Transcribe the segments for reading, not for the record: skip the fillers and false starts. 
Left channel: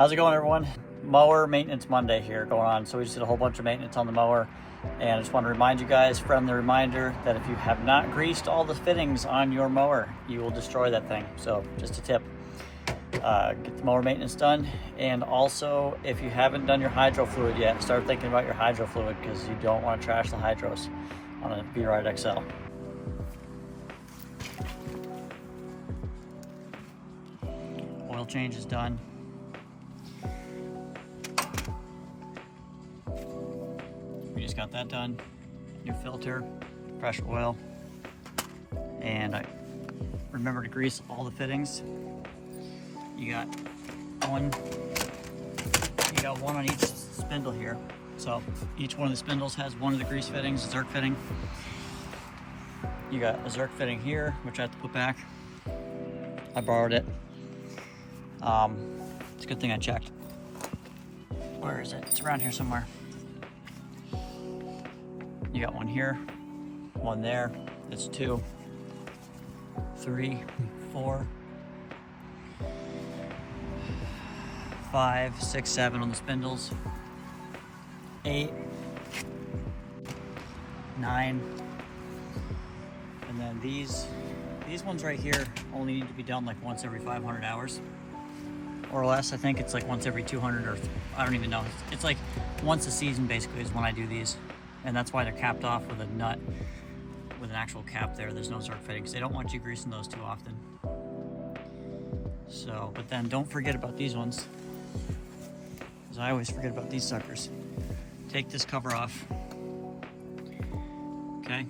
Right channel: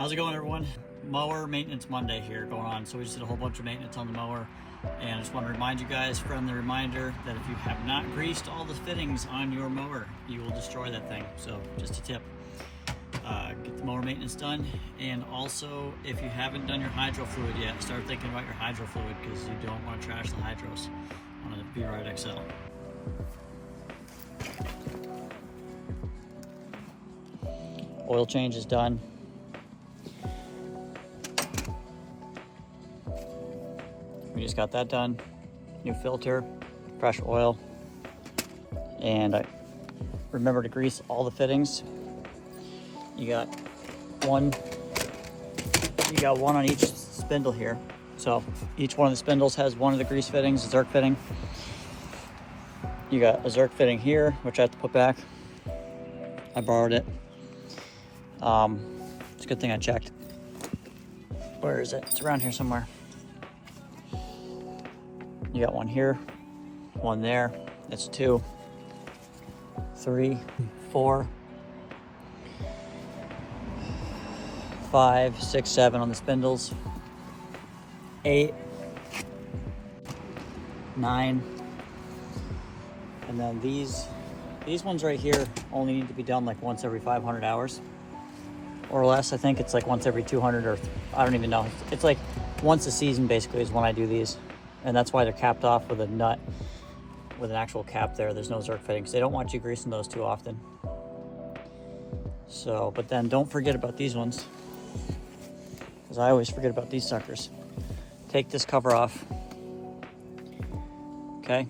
How's it going, everyone? Mower Maintenance Monday here going on. So we just did a whole bunch of maintenance on the mower, and I just want to remind you guys, friendly reminder, that if you have not greased all the fittings on your mower, you will destroy that thing. So just a tip, get the mower maintenance done. And also, if you haven't done your hydro fluid yet, start thinking about your hydro fluid, because you don't want to trash the hydros on a B-Ride XL. Oil change is done. We just got that done. New filter, fresh oil, and remember to grease all the fittings. You got one on each spindle here. So each one of the spindles has one of the grease fittings, Zerk fitting. You got a Zerk fitting here, which I have to put back. I borrowed it. It's a good thing I checked. Where is it? It's around here somewhere. You got one here, one there. That's 2, 3, 4, 5, 6, 7 on the spindles. 8, 9, and then these ones right here only need to be done like once every 500 hours or less. I think it's like once every 200, or I don't even know. It's like once a season basically is when I do these. And that's why they're capped off with a nut, with an actual cap there. There's no Zerk fitting, because they don't want you greasing those too often. So, but then don't forget about these ones, because I always forget about these suckers. Take this cover off, okay?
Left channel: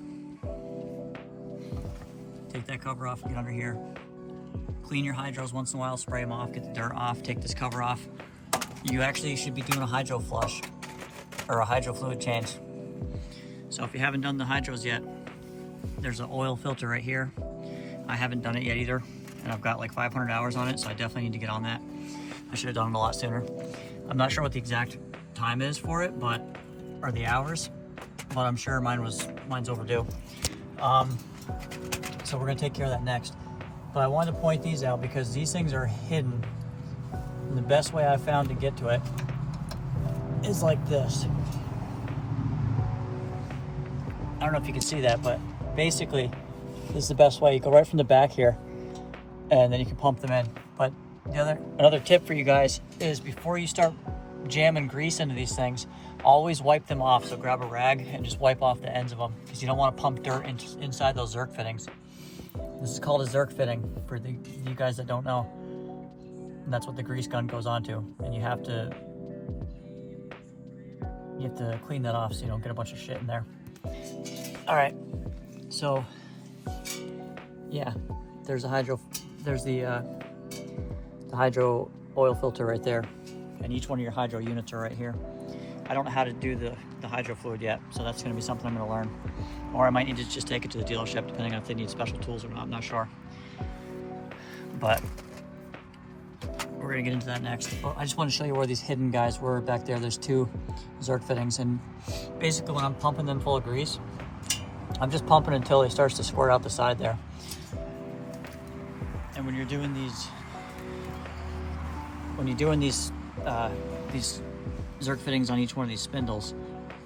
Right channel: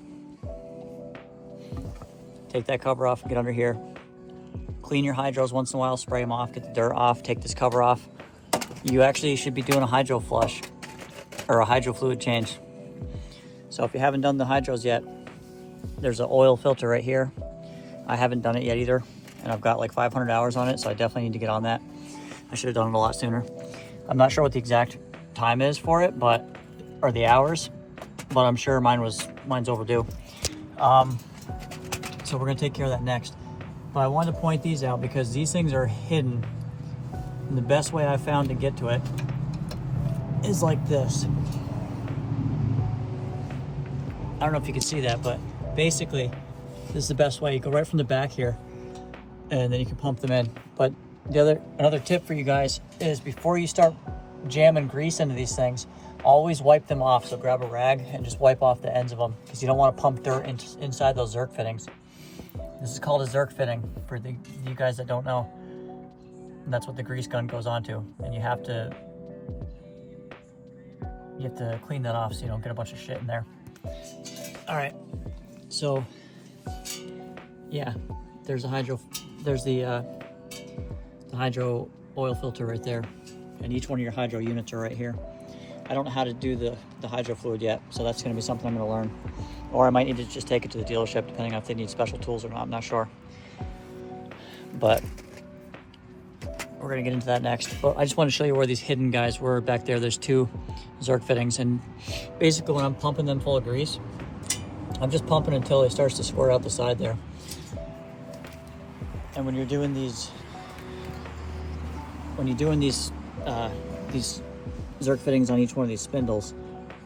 Take that cover off, get under here. Clean your hydros once in a while, spray them off, get the dirt off, take this cover off. You actually should be doing a hydro flush, or a hydro fluid change. So if you haven't done the hydros yet, there's an oil filter right here. I haven't done it yet either, and I've got like 500 hours on it, so I definitely need to get on that. I should have done it a lot sooner. I'm not sure what the exact time is for it, or the hours, but I'm sure mine's overdue. So we're gonna take care of that next. But I wanted to point these out because these things are hidden. And the best way I found to get to it is like this. I don't know if you can see that, but basically this is the best way. You go right from the back here, and then you can pump them in. But another tip for you guys is, before you start jamming grease into these things, always wipe them off. So grab a rag and just wipe off the ends of them, because you don't want to pump dirt inside those Zerk fittings. This is called a Zerk fitting, for you guys that don't know. And that's what the grease gun goes onto. And you have to clean that off so you don't get a bunch of shit in there. All right, so yeah, there's the hydro oil filter right there, and each one of your hydro units are right here. I don't know how to do the hydro fluid yet, so that's going to be something I'm going to learn, or I might need to just take it to the dealership, depending on if they need special tools or not. I'm not sure, but we're going to get into that next. But I just want to show you where these hidden guys were back there. There's 2 Zerk fittings, and basically when I'm pumping them full of grease, I'm just pumping until it starts to squirt out the side there. And when you're doing these Zerk fittings on each one of these spindles,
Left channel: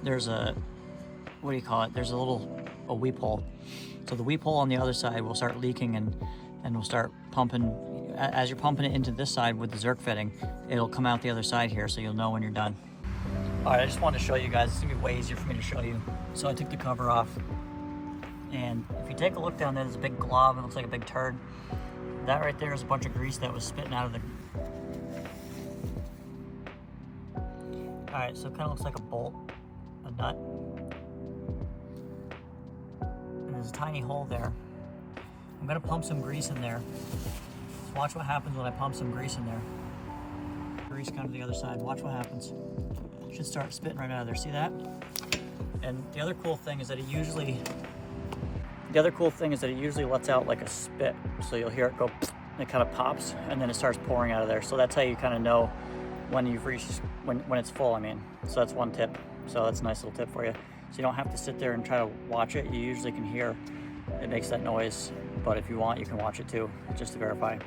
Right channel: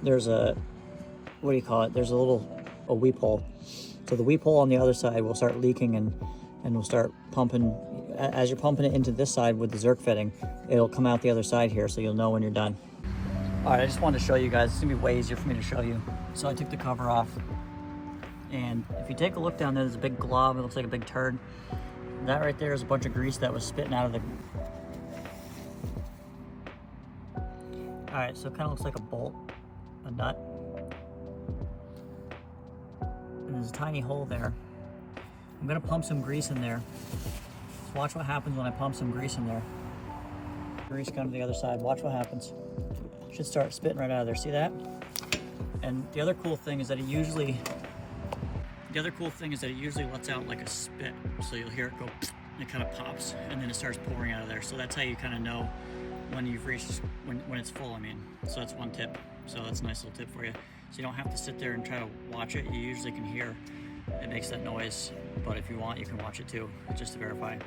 there's a, what do you call it? There's a weep hole. So the weep hole on the other side will start leaking, and we'll start pumping. As you're pumping it into this side with the Zerk fitting, it'll come out the other side here, so you'll know when you're done. All right, I just wanted to show you guys. It's gonna be way easier for me to show you. So I took the cover off, and if you take a look down there, there's a big glob. It looks like a big turd. And that right there is a bunch of grease that was spitting out of the... All right, so it kind of looks like a bolt, a nut. And there's a tiny hole there. I'm gonna pump some grease in there. Watch what happens when I pump some grease in there. Grease gun to the other side. Watch what happens. Should start spitting right out of there. See that? And the other cool thing is that it usually lets out like a spit. So you'll hear it go, and it kind of pops, and then it starts pouring out of there. So that's how you kind of know when you've reached, when it's full, I mean. So that's one tip. So that's a nice little tip for you. So you don't have to sit there and try to watch it. You usually can hear it makes that noise, but if you want, you can watch it too, just to verify.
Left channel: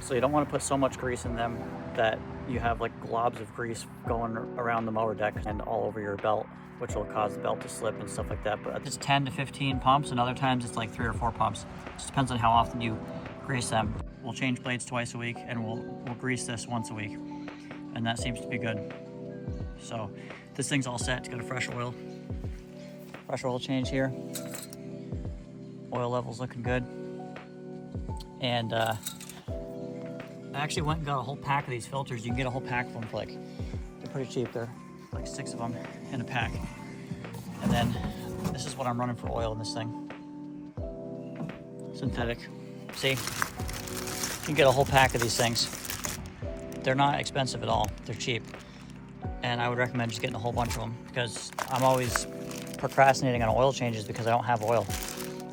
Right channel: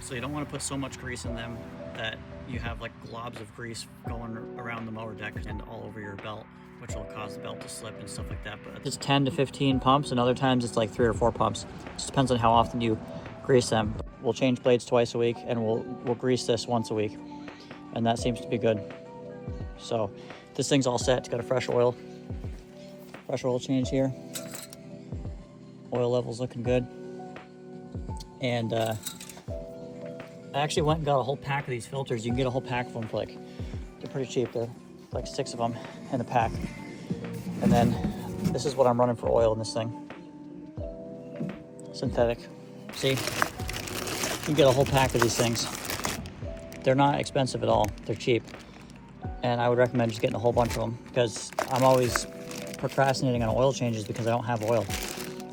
So you don't want to put so much grease in them that you have like globs of grease going around the mower deck and all over your belt, which will cause the belt to slip and stuff like that. But it's 10 to 15 pumps, and other times it's like 3 or 4 pumps. It just depends on how often you grease them. We'll change blades twice a week, and we'll grease this once a week, and that seems to be good. So this thing's all set. It's got a fresh oil change here. Oil level's looking good. And I actually went and got a whole pack of these filters. You can get a whole pack of them for they're pretty cheap. They're like 6 of them in a pack. And then this is what I'm running for oil in this thing. Synthetic. See? You can get a whole pack of these things. They're not expensive at all. They're cheap. And I would recommend just getting a whole bunch of them, because I'm always procrastinating on oil changes because I don't have oil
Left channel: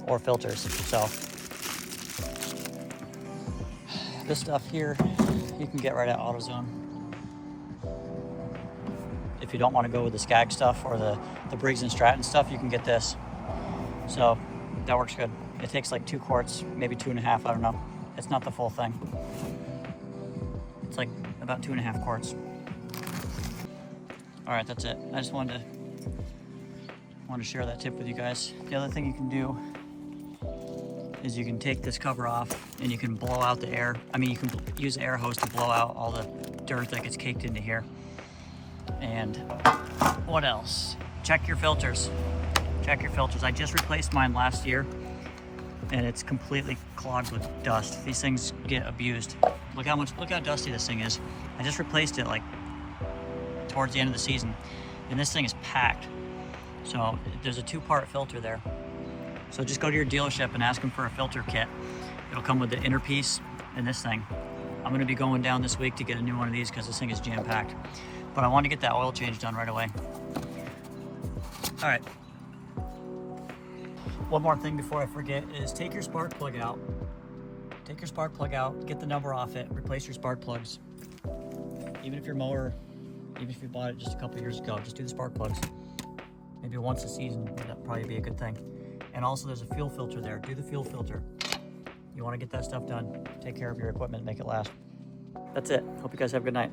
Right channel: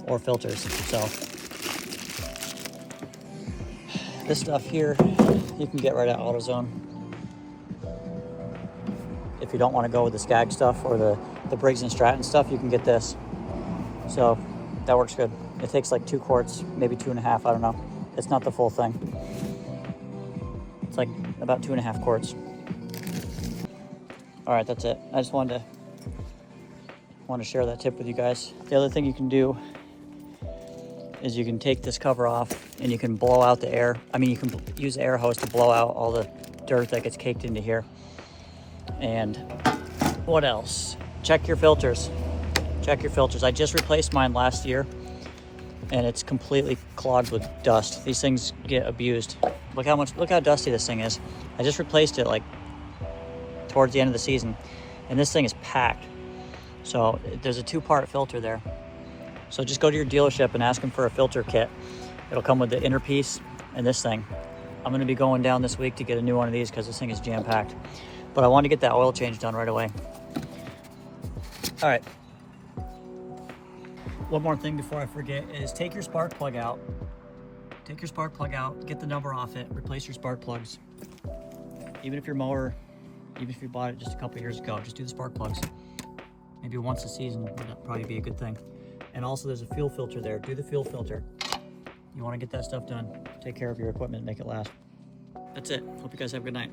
or filters. So this stuff here you can get right at AutoZone. If you don't want to go with the Skag stuff or the Briggs & Stratton stuff, you can get this. So that works good. It takes like 2 quarts, maybe 2.5, I don't know. It's not the full thing. It's like about 2.5 quarts. All right, that's it. I just wanted to share that tip with you guys. The other thing you can do is you can take this cover off and you can blow out the air. I mean, you can use the air hose to blow out all the dirt that gets caked into here. And what else? Check your filters. Check your filters. I just replaced mine last year, and it's completely clogged with dust. These things get abused. Look how dusty this thing is. I just replaced it like towards the end of the season, and this thing is packed. So there's a 2-part filter there. So just go to your dealership and ask them for a filter kit. It'll come with the inner piece and this thing. I'm gonna be going down this week to get a new one of these because this thing is jam-packed. But I want to get that oil change done right away. All right. One more thing before I forget is take your spark plug out. Take your spark plug out, get the number off it, replace your spark plugs. Even if your mower, even if you bought it just a couple years ago, just do the spark plugs. Maybe once a season, that'd probably be a good thing. And also there's a fuel filter there. Do the fuel filter. You want to get that stuff done. Take care of your equipment, make it last. That's it. Hope you guys have a good night.